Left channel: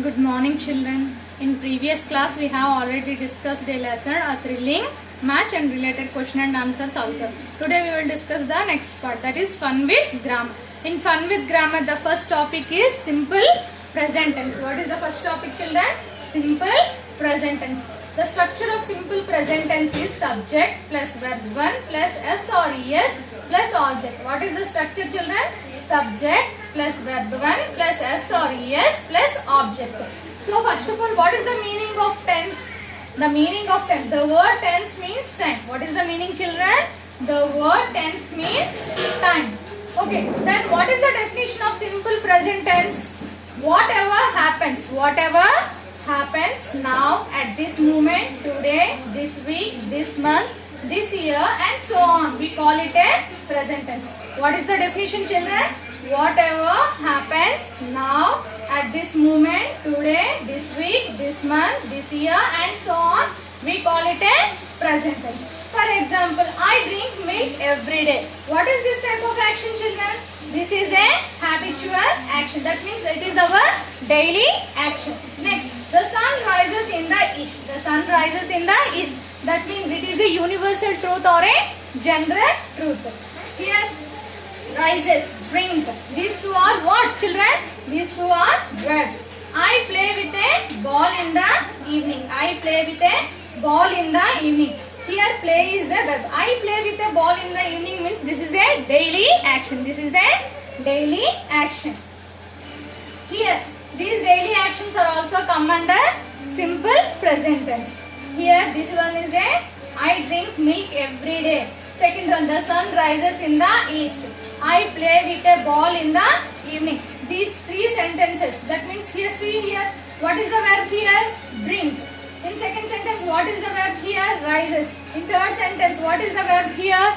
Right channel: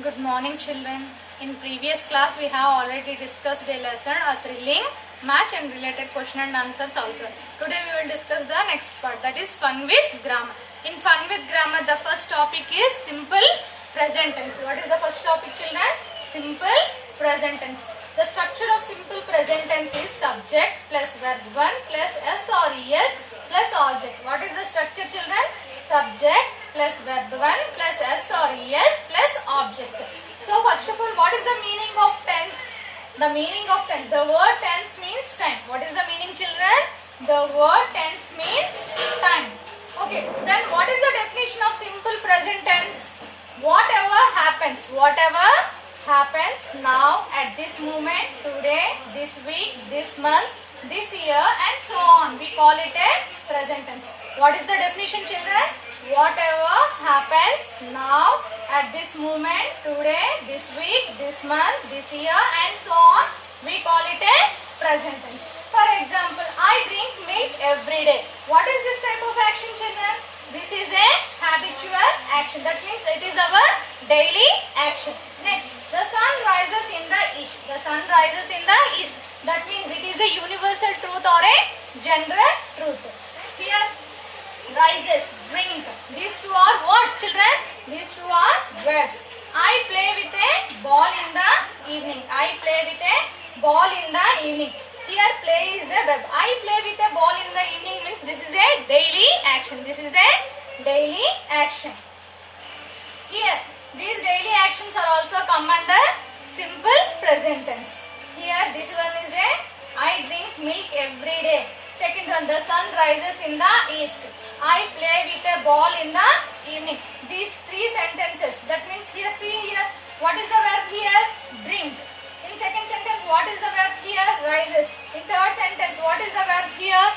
Good morning, children. In previous class, we have already discussed a lesson, a thrilling match and related question and answers also. Today, we will discuss the next part, that is fun with grammar. In fun with grammar, the first topic is simple present tense. What is the first topic, children? Simple present tense. The structure of simple present tense is subject plus verb 1 plus s or es plus object. What is the structure, children? Subject plus verb 1 plus s or es plus object. So first of all, what is the meaning of tense? The meaning of tense. The word tense means time. What is the meaning, children? The word tense means time. Okay, then what is the definition of simple present tense? Whatever happens now, at this moment, today, this week, this month, this year and so on. We call it a present tense. What is the definition, children? Whatever happens now, at this moment, today, this week, this month, this year and so on. We call it a present tense. For example, I drink milk every day. What is this type of action, children? This is a habitual action. That means it is our daily action. Next, the sun rises in the east. The sun rises in the east. That means it is a universal truth or a general truth. Here, rises, drink. These two are what, children? These two are verbs. I play with a ball in the evening. I play with a ball in the evening. Here play is a verb. I play with a ball in the evening means this is a daily action. This is a daily action. Here these daily actions are also come under simple present tense. Here this one is a I drink milk every day. Second one, the sun rises in the east. I play with a ball in the evening. These three sentences. That means here, see here, what is the verb here? Drink. In second sentence, what is the verb here? Rises. In third sentence, what is the verb here?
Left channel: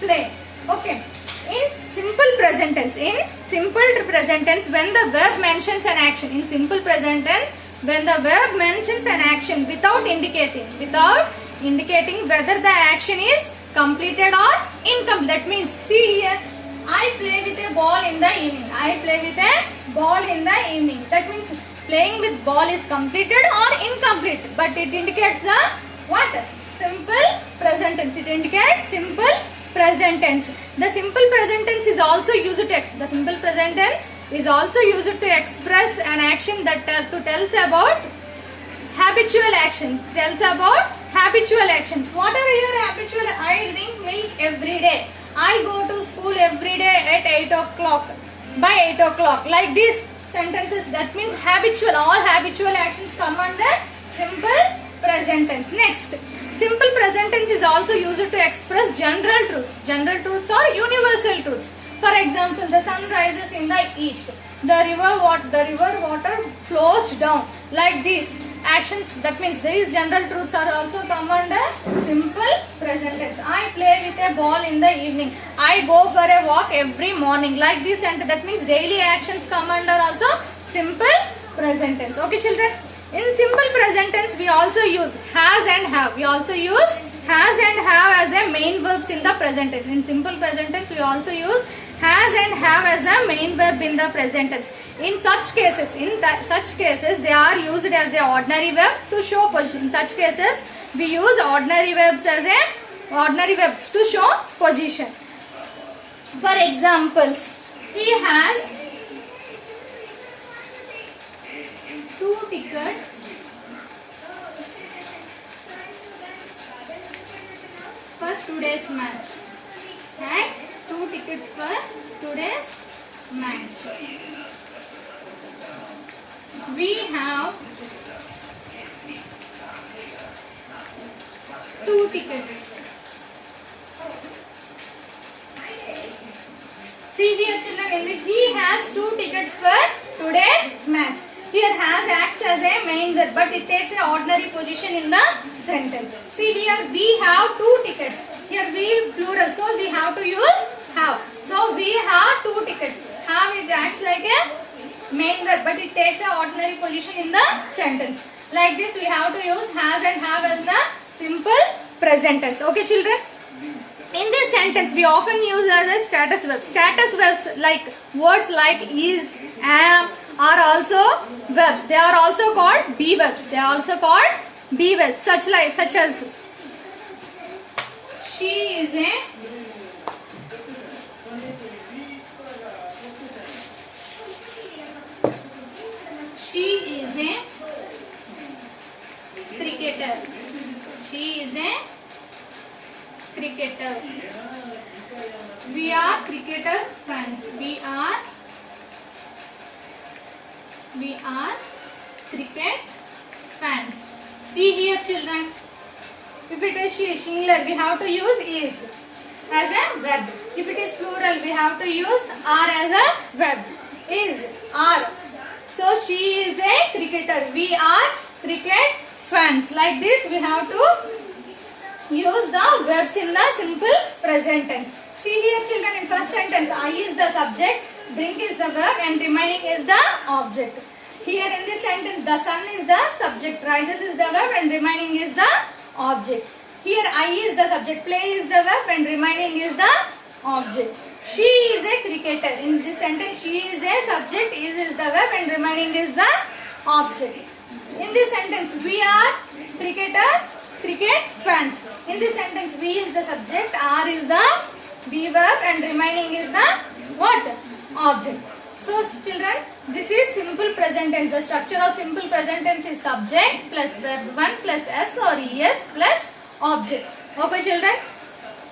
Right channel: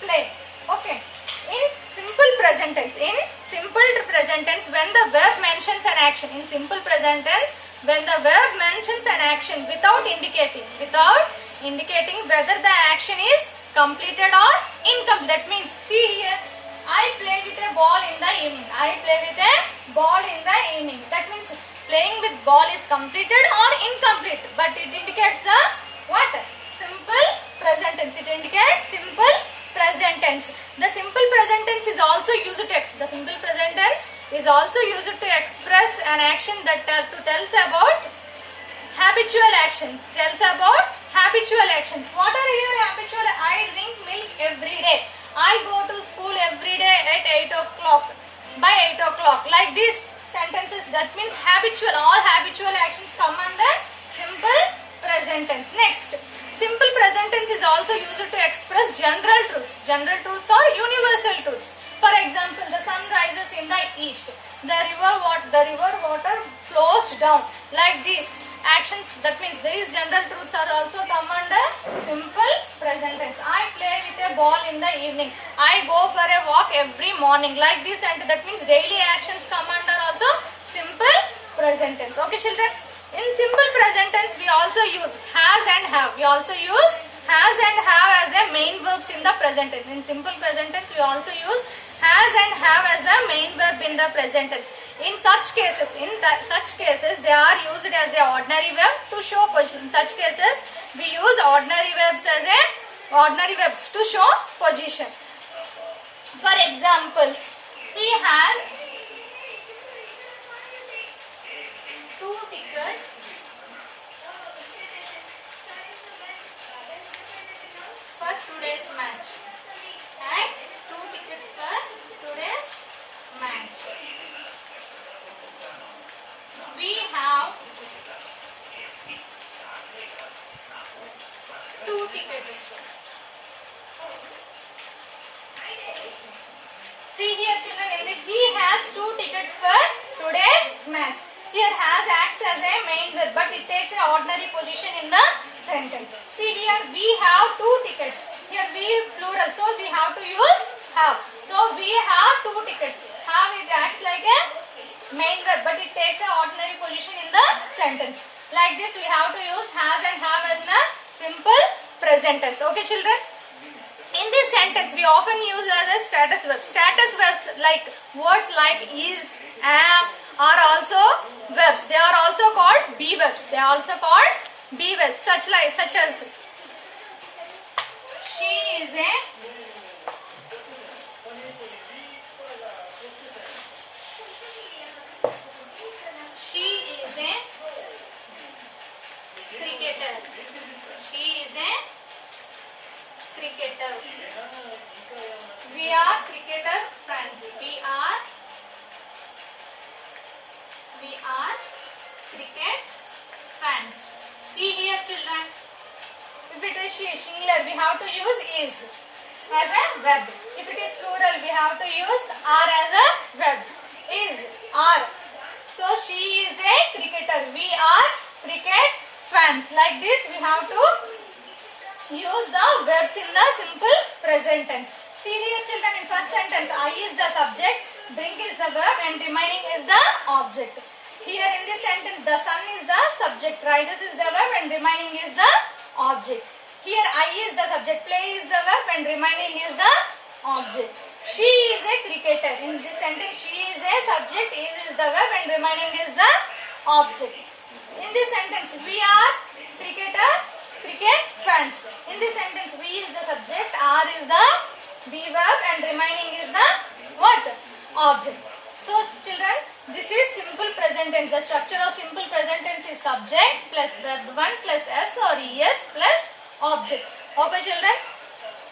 Play. Okay. In simple present tense, when the verb mentions an action, in simple present tense, when the verb mentions an action without indicating whether the action is completed or incomplete. That means, see here, I play with a ball in the evening. I play with a ball in the evening. That means playing with ball is completed or incomplete, but it indicates the what? Simple present tense. It indicates simple present tense. The simple present tense is also used to express an action that tells about habitual action. What are your habitual? I drink milk every day. I go to school every day at 8 o'clock. By 8 o'clock. Like these sentences, that means habitual. All habitual actions come under simple present tense. Next, simple present tense is also used to express general truths. General truths or universal truths. For example, the sun rises in the east. The river water flows down. Like these actions, that means these general truths are also come under simple present tense. I play with a ball in the evening. I go for a walk every morning. Like this, and that means daily actions come under also simple present tense. Okay, children. In simple present tense, we also use has and have. We also use has and have as a main verbs in the present tense. In simple present tense, we also use has and have as the main verb in the present tense. In such cases, they are used as a ordinary verb to show position. In such cases, we use ordinary verbs to show position. For examples, he has 2 tickets for today's match. And 2 tickets for today's match. We have 2 tickets. See here, children, in the he has 2 tickets for today's match. Here has acts as a main verb, but it takes an ordinary position in the sentence. See here, we have 2 tickets. Here we plural, so we have to use have. So we have 2 tickets. Have, it acts like a main verb, but it takes an ordinary position in the sentence. Like this, we have to use has and have as the simple present tense. Okay, children. In this sentence, we often use as a status verb. Status verbs like words like is, am, are also verbs. They are also called be verbs. They are also called be verbs. Such as she is a cricketer. She is a cricketer. We are cricketer fans. We are cricket fans. See here, children. If it is singular, we have to use is as a verb. If it is plural, we have to use are as a verb. Is, are. So she is a cricketer. We are cricket fans. Like this, we have to use the verbs in the simple present tense. See here, children, in first sentence, I is the subject, drink is the verb, and remaining is the object. Here in this sentence, the sun is the subject, rises is the verb, and remaining is the object. Here, I is the subject, play is the verb, and remaining is the object. She is a cricketer. In this sentence, she is a subject, is the verb, and remaining is the object. In this sentence, we are cricket fans. In this sentence, we is the subject, are is the be verb, and remaining is the what? Object. So children, this is simple present tense. The structure of simple present tense is subject plus verb 1 plus s or es plus object. Okay children,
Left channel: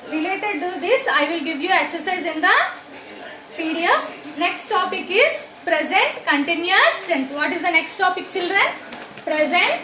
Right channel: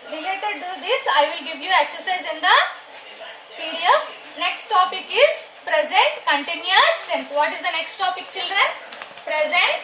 related to this I will give you exercise in the PDF. Next topic is present continuous tense. What is the next topic children? Present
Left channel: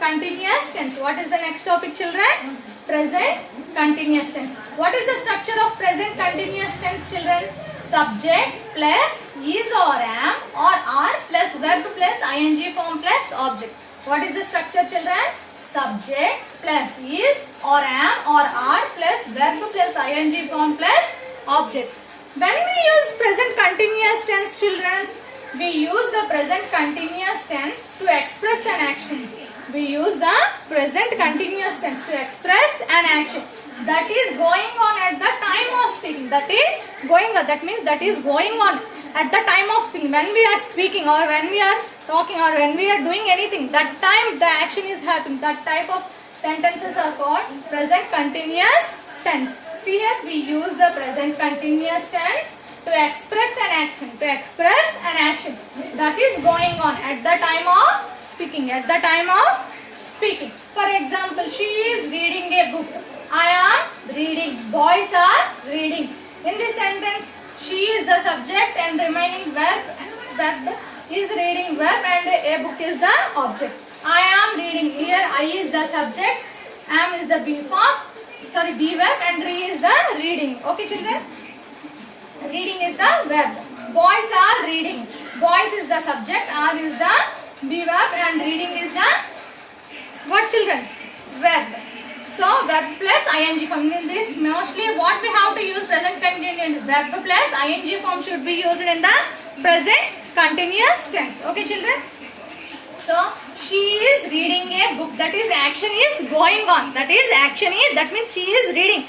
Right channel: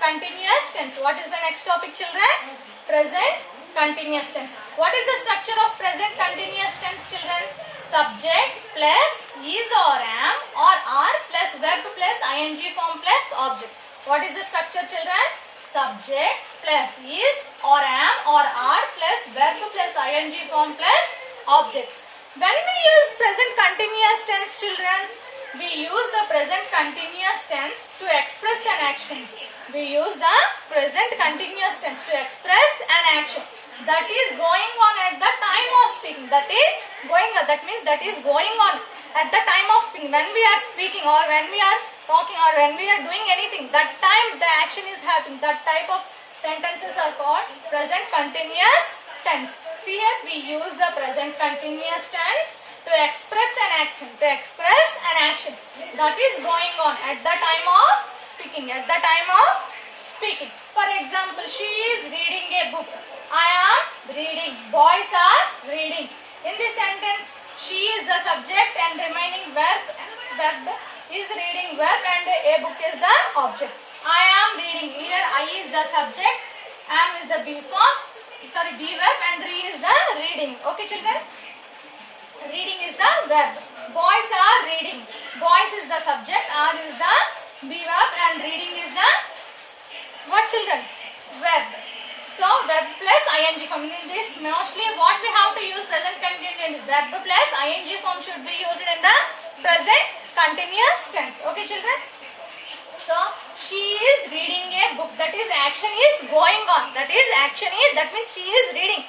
continuous tense. What is the next topic children? Present continuous tense. What is the structure of present continuous tense children? Subject plus is or am or are plus verb plus ing form plus object. What is the structure children? Subject plus is or am or are plus verb plus ing form plus object. When we use present continuous tense children, we use the present continuous tense to express an action. We use the present continuous tense to express an action that is going on at the time of speaking. That means that is going on at the time of speaking. When we are speaking or when we are talking or when we are doing anything, that time the action is happening. That type of sentences are called present continuous tense. See here, we use the present continuous tense to express an action. That is going on at the time of speaking. For example, she is reading a book. I am reading. Boys are reading. In this sentence, she is the subject and remaining verb is reading verb and a book is the object. I am reading. Here I is the subject, am is the be verb and re is the reading. Okay children? Reading is the verb. Boys are reading. Boys is the subject, are is the be verb and reading is the what children? Verb. So verb plus ing form. In this mostly what we have to use present continuous verb plus ing form should be used in the present continuous tense. Okay children? So she is reading a book. That is action is going on. That means she is reading.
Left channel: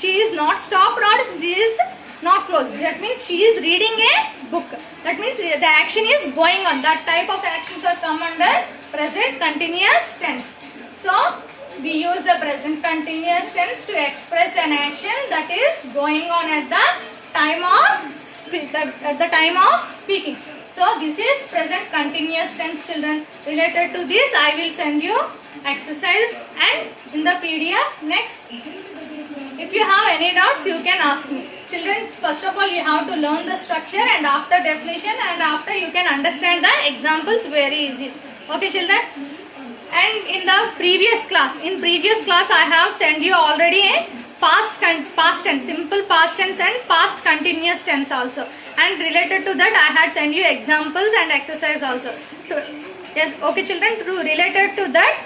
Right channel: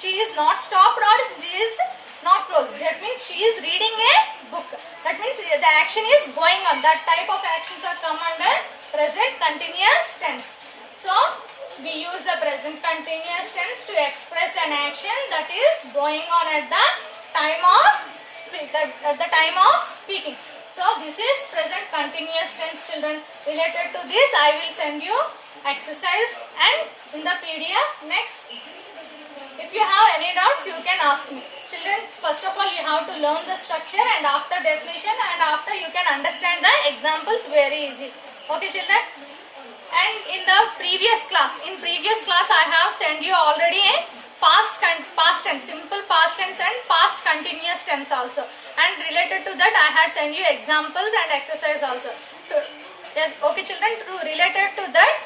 She is not stopped or she is not closed. That means she is reading a book. That means the action is going on. That type of actions are come under present continuous tense. So we use the present continuous tense to express an action that is going on at the time of speaking. So this is present continuous tense children. Related to this I will send you exercise and in the PDF next. If you have any doubts you can ask me. Children, first of all you have to learn the structure and after definition and after you can understand the examples very easy. Okay children? And in the previous class, I have sent you already a past tense, simple past tense and past continuous tense also. And related to that I had sent you examples and exercise also. Yes, okay children, related to that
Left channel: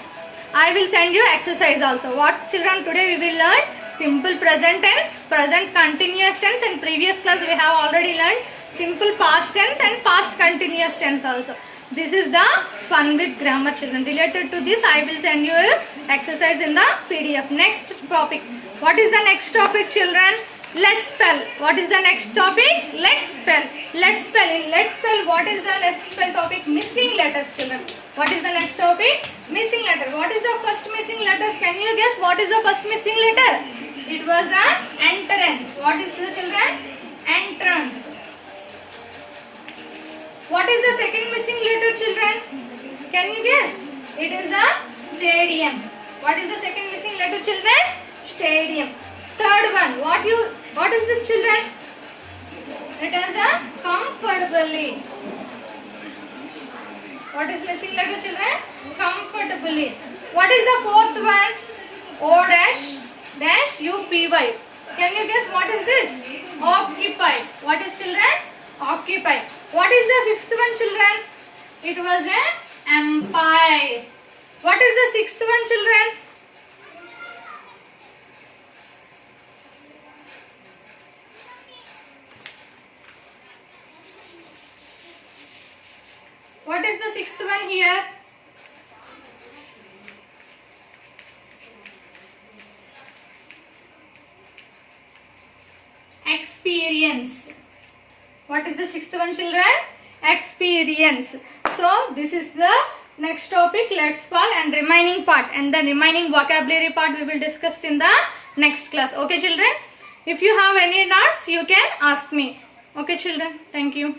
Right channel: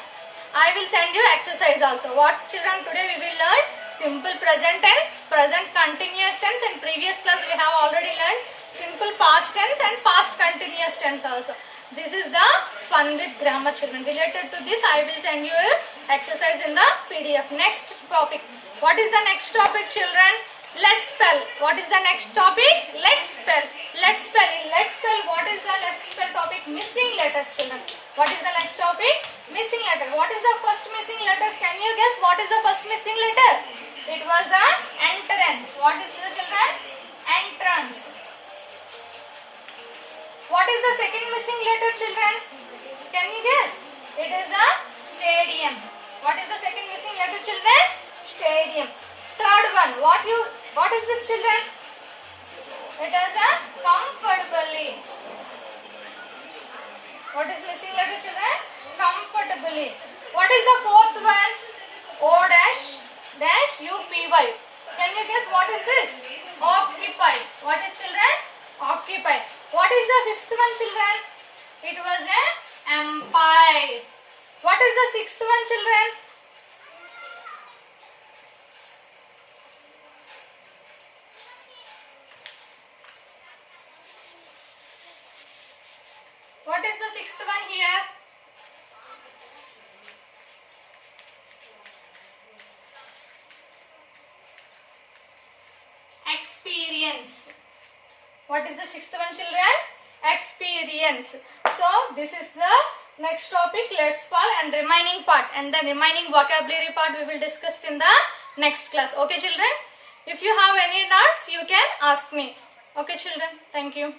I will send you exercise also. What children, today we will learn simple present tense, present continuous tense. In previous class we have already learned simple past tense and past continuous tense also. This is the fun with grammar children. Related to this I will send you exercise in the PDF. Next topic. What is the next topic children? Let's spell. What is the next topic? Let's spell. Let's spell. In let's spell, what is the let's spell topic? Missing letters, children. What is the next topic? Missing letter. What is the first missing letters? Can you guess what is the first missing letter? It was the entrance. What is the children? Entrance. What is the second missing letter, children? Can you guess? It is the stadium. What is the second missing letter, children? Stadium. Third one. What is this, children? It is a comfortably. What is missing letter, children? Comfortably. What is the fourth one? O dash dash UPY. Can you guess what is this? Occupy. What is, children? Occupy. What is the fifth one, children? It was a empire. What is the sixth one, children? What is the sixth one here? Experience. What is the sixth one, children? Experience. So this is the next topic. Let's spell and remaining part, and the remaining vocabulary part we will discuss in the next class. Okay, children? If you have any doubts, you can ask me. Okay, children? Thank you.